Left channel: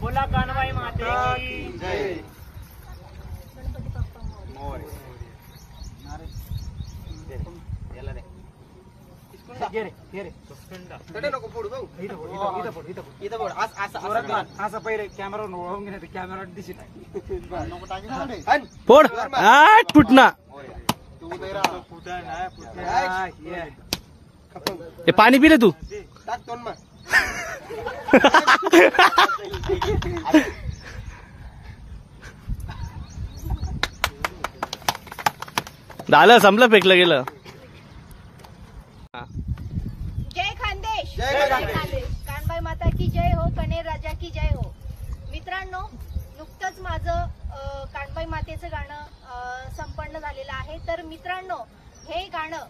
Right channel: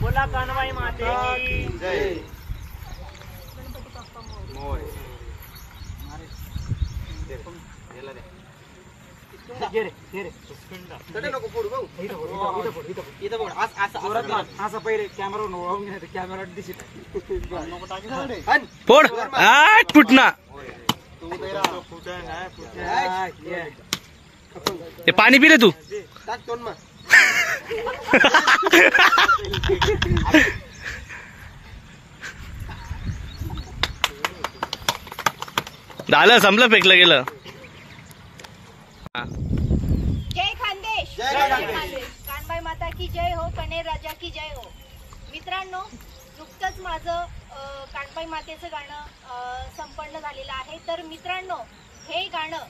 बोला कानबाई माते की जय. गणपती बाप्पा मोरया. असं पहिले कॅमेरा कॅमेरा दिसत फोड फुटना ते पाणी पिले तू झालं संपलं फेकलं गेलं. जय खानदेश. जय खानदेश. कानबाई माता की जय हो. कनेर राजा की जय हो. मित्रांनो, नुकतंच माझं कानबाई मातेचं गाणं संपन्न झालेलं आहे. तर मित्रांनो, हे गाणं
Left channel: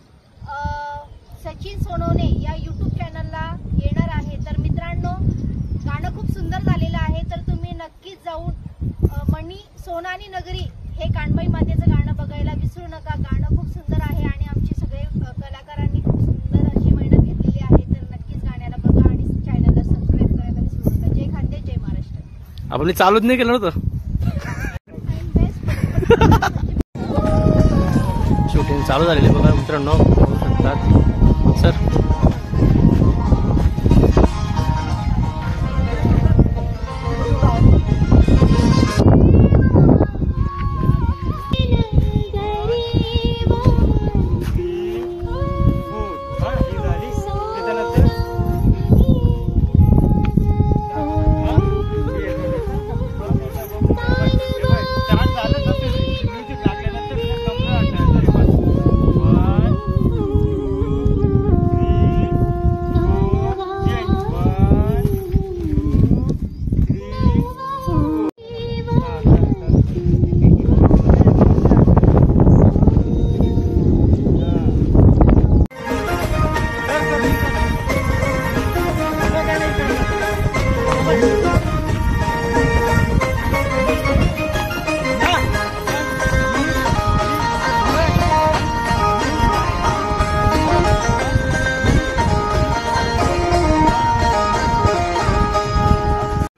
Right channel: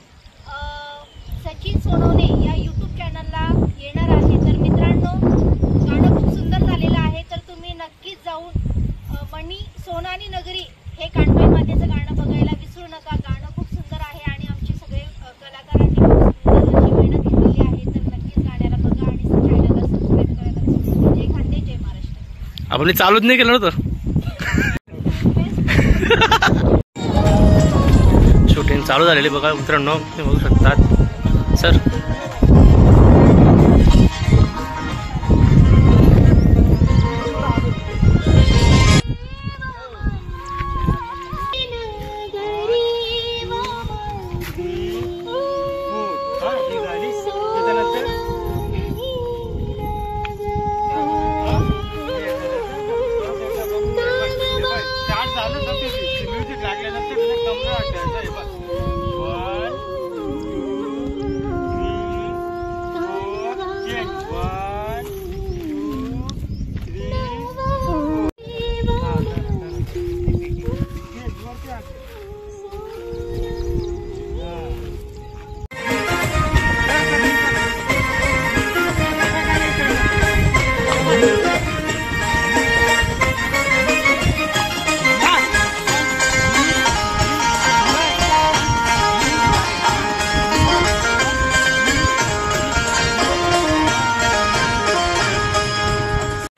सचिन सोनवणे या यूट्यूब चॅनलला येणार आहे. तर मित्रांनो, गाणं खूप सुंदर झालेलं आहे. तर तुम्ही नक्कीच जाऊन मणी सोनानी नगरी हे कानबाई मातेचं गाणं बघायला विसरू नका. गाणं खूप सुंदर आहे आणि आमचे सगळे कलाकारांनी खूप सुंदर अशी मेहनत घेतलेली आहे. तर नक्कीच गाण्याला बघा आणि चॅनलला सबस्क्राईब करायला विसरू नका. जय खानदेश, जय महाराष्ट्र. आपण चालूच नाही केलं नव्हतं. शूटिंग चालू झालेली बघा मित्रांनो, ते बघू शकतात सर.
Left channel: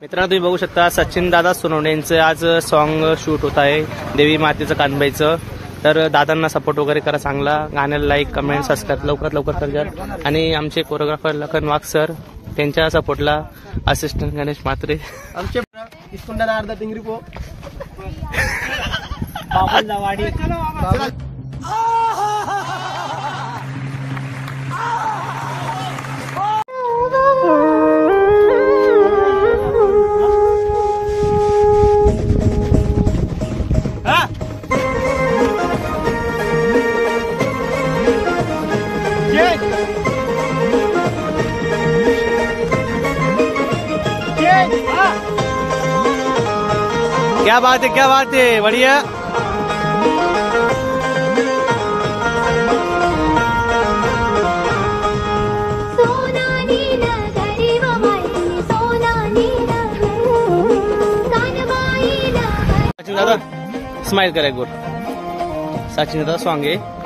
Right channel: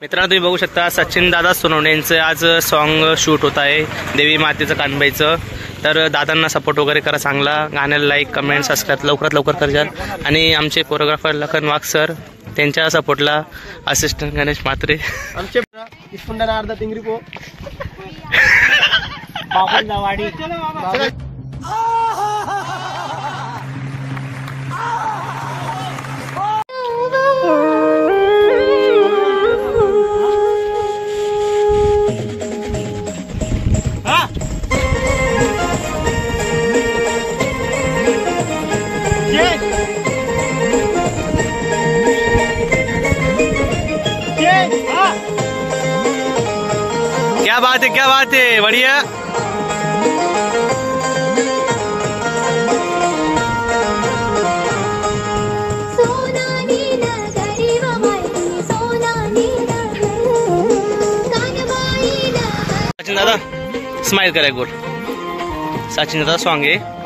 मित्रांनो, तुम्ही बघू शकता सचिन दादा सोनवणे यांचं आज सॉन्ग शूट होत आहे देवी मातेचं कानबाईचं. तर दादांना सपोर्ट वगैरे करा चांगला. गाण्याला लाईक कमेंट सबस्क्राईब लवकरात लवकर करा. आणि आमचे कोरिओग्राफर लखन वाघ सर, त्यांच्या सपोर्टला असिस्टंट गणेश म्हात्रे, आमचे अर्धा टिंगरी पो बाबूला वाडी. क्या बात है बढ़िया. सचिन दादा स्माइल करा गुड. सचिन दादा सॉन्ग आहे.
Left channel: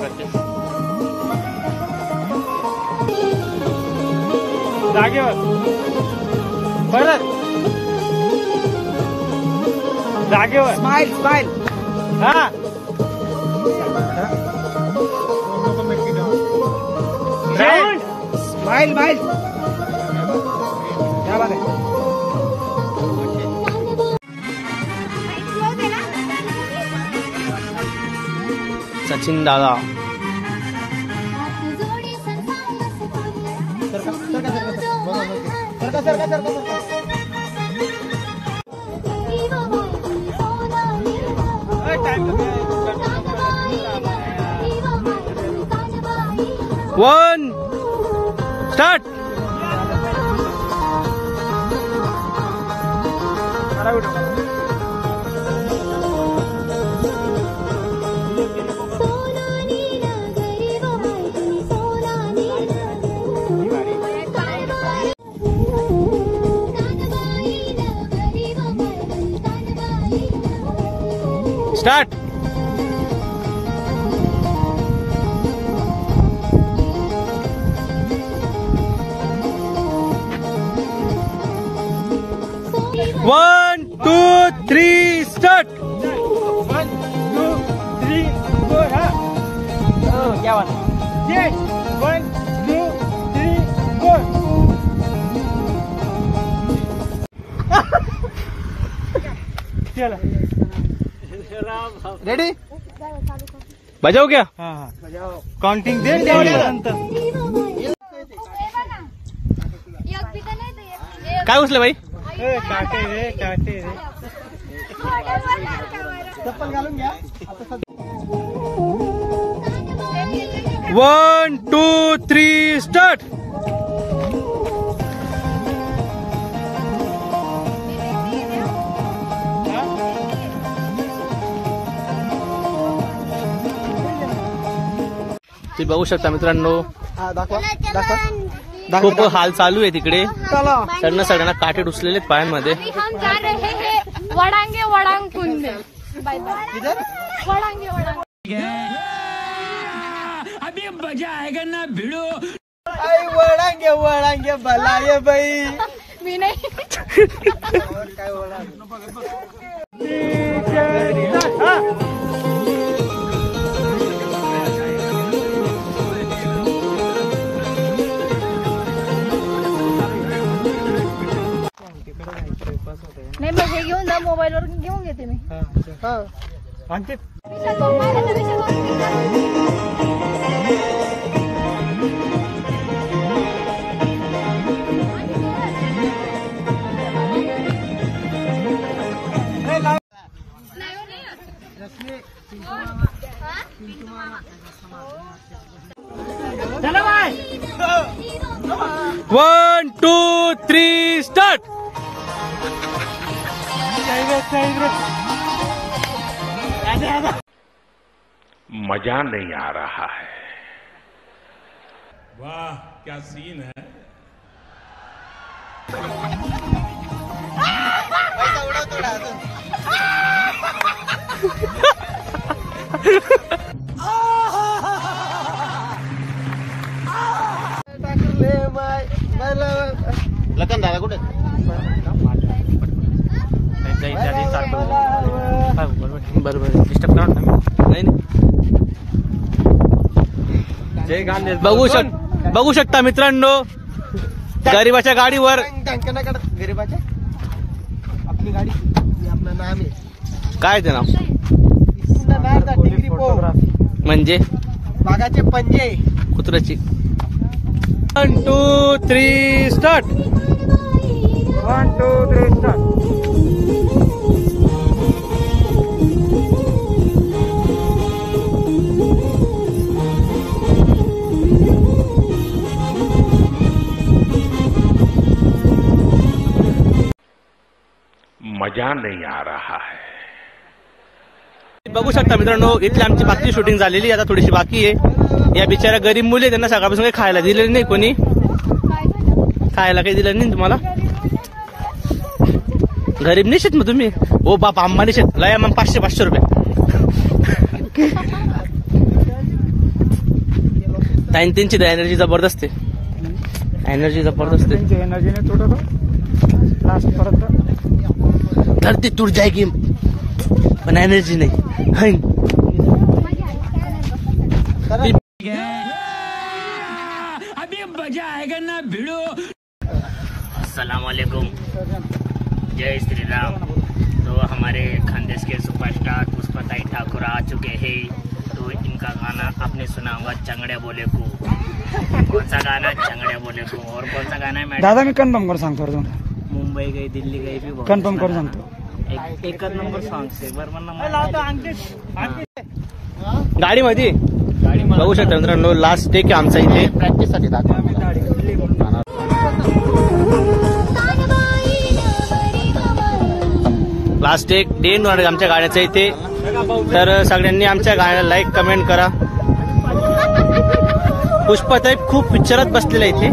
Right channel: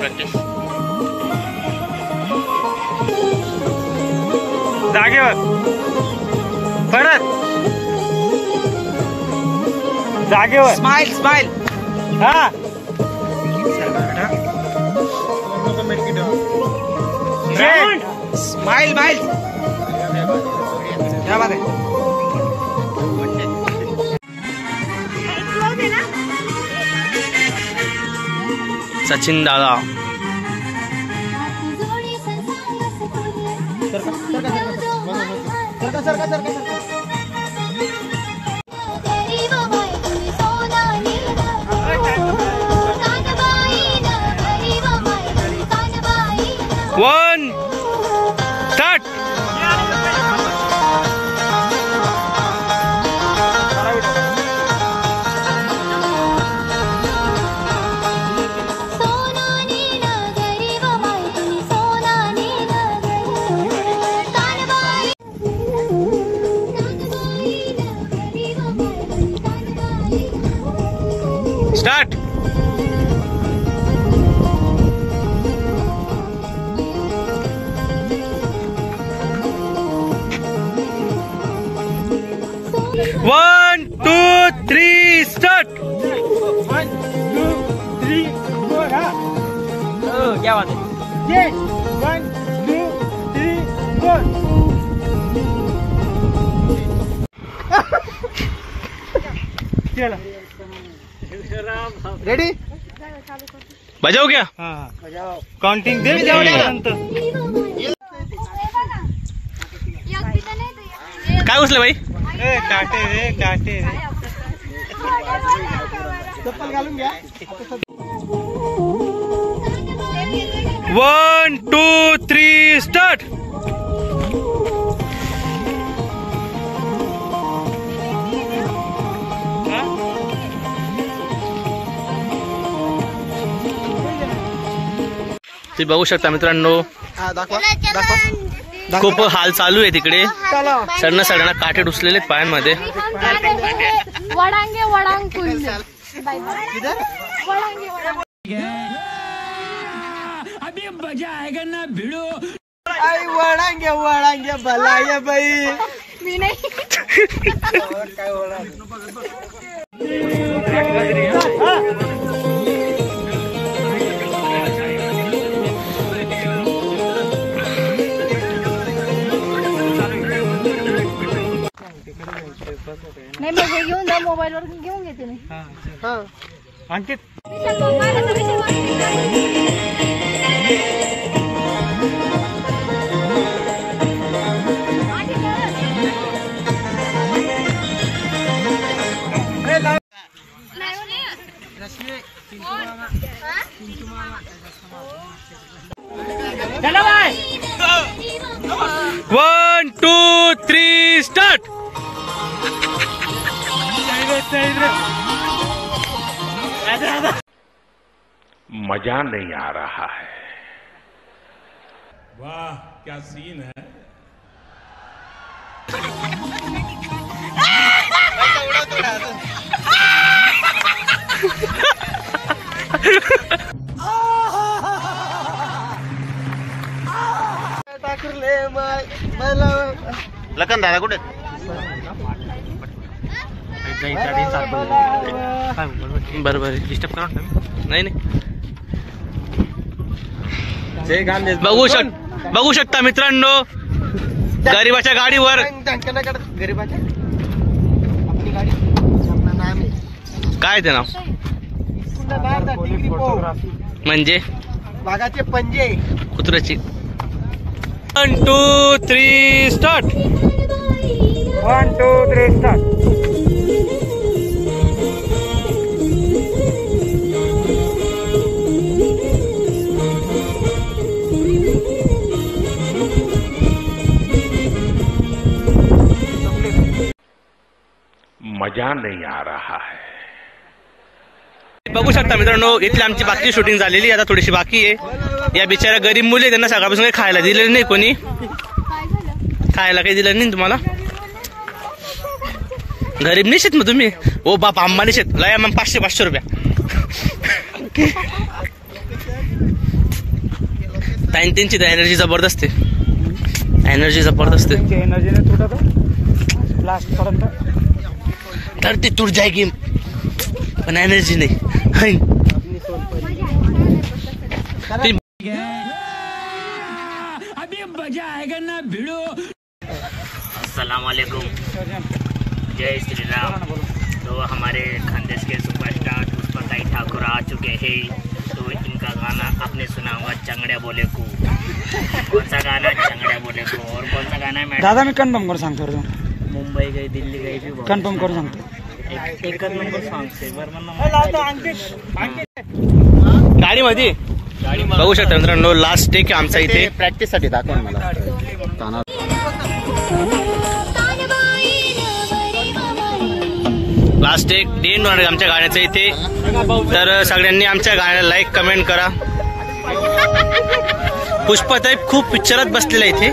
प्रॅक्टिस जागेवर परत जागेवर स्माइल स्माइल. हा स्माइल स्माइल. क्या बात है. सचिन दादा one start. Start. One two three start. 1 2 3 4 हा. क्या बात है. 1 2 3 4. चला रेडी. बजाव क्या. काउंटिंग दे. काय उचले भाई. काटे रे. चप्पल घालून घ्या. 1 2 3 स्टार्ट. तुम्ही बघू शकता मित्रांनो, खूप हाल चालू आहे तिकडे. सडना सडना काटे डुसलेले आहेत पायांमध्ये. वडांगे वडांग कुंडे वडांगे वडांग. अभी मजा आएगा ना भिड़ो. आई वडांगे भला ये बाई. मी नाही. नाही मग हे घेऊन जा, मोबाईल वर घेऊन घेते मी. अंकित चलो भाई. 1 2 3 स्टार्ट. मजा नहीं आ रहा है. वाह क्या सीन है. लखन दादा कुठे. बरोबर नाही नाही. बघू शकता मित्रांनो, गरीबाच्या गाडीवर गरीबाच्या आपली गाडी आपलं नाम आहे. काय ते नाव टिंगरी पो म्हणजे वाघाचे पंजे. कुत्र्याची. 1 2 3 स्टार्ट. 1 2 3 स्टार्ट. मजा नहीं आ रहा है. बघू शकता मित्रांनो, इथली आमची बाकी शूटिंग झालेली, आता थोडीशी बाकी आहे. या बिचाऱ्या गरीब मुली त्यांना सकाळपासून काही खायला दिलेलं नाही. कोणी खायला काही दिलं नाही तुम्हाला. गरीब नाही शेत मग तुम्ही. ओ बाप अंबानी शेत लया मग 500 रुपया. त्यांची एनर्जी जबरदस्त आहे. एनर्जी जबरदस्त आहे. एनर्जीने थोडं लास्ट पर्यंत धरती तुट जाएगी पण एनर्जी नहीं. अभी मजा आएगा ना भिड़ो. अस्सलाम वालेकुम, जय श्री राम. तो हमारे खानदेश के सुपरस्टार पुष्पताई ठाकुर आ चुके हैं. तो इनका गाना आपने सुना होगा चंगड़े बोले को. कौन सा गाना चंगड़े बोले को. और कौन सा गाना है मैडम. दादा मी कन्फर्म करून सांगतो. मुंबई गई दिल्ली गई भी बहुत कन्फर्म करून सांगतो. एक नंबर सॉन्ग एक बार गाडीमध्ये बघू शकता मित्रांनो, लास्ट टेक आमचा इथे. प्रॅक्टिस साठी दाखवा मला. लास्ट टेक डेन आमच्या गाण्याचं इथे. तर सगळ्यांनी आमच्या गाण्याला लाईक कमेंट करा. पुष्पताई खूप पिक्चरात बसलेला इथे,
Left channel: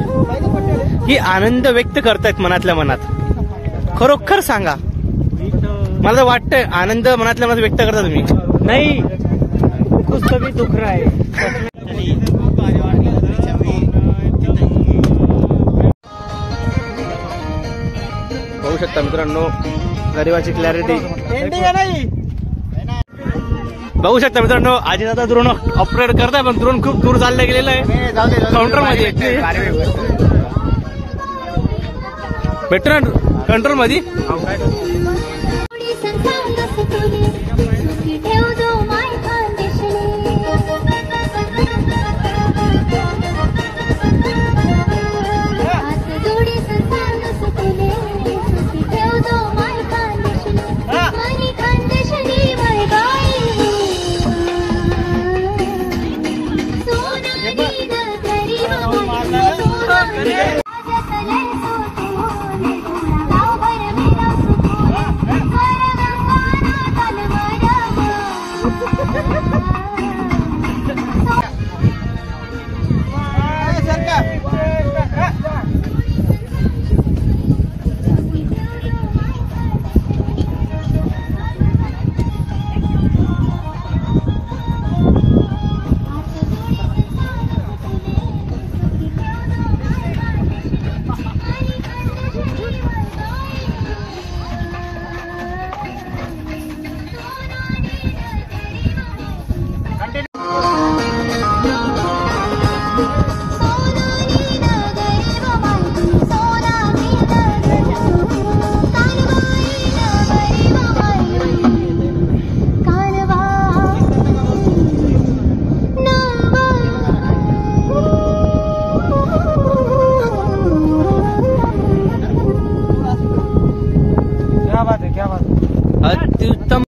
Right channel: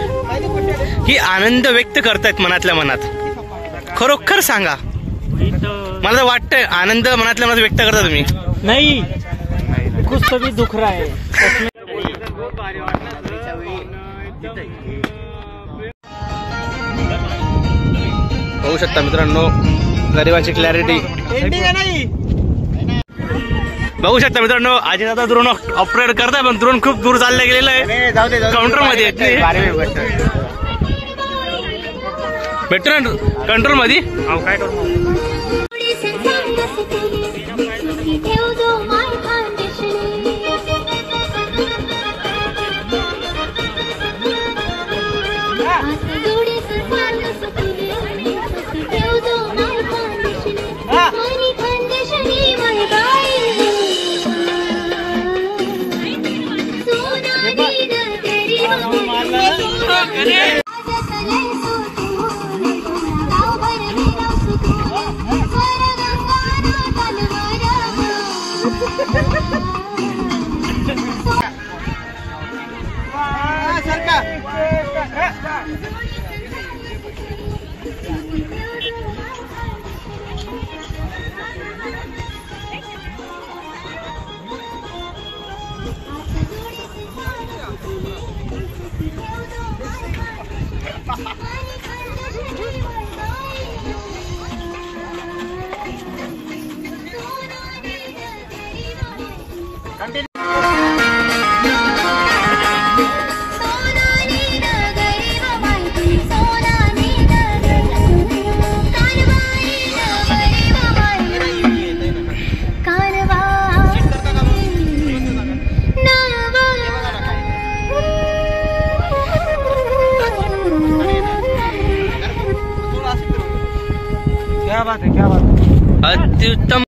की आनंद व्यक्त करतायत मनातल्या मनात. खरोखर सांगा. तो मला तर वाटतंय आनंद मनातल्या मनात व्यक्त करता तुम्ही. नाही कुछ तो भी दुख रहा है. बघू शकता मित्रांनो गरिबाची क्लॅरिटी. बघू शकता मित्रांनो आजी दादा ड्रोन ऑपरेट करताय पण ड्रोन खूप दूर चालला गेलेला आहे. काउंटर मध्ये भेटतो ना कंट्रोल मध्ये. अत्युत्तम.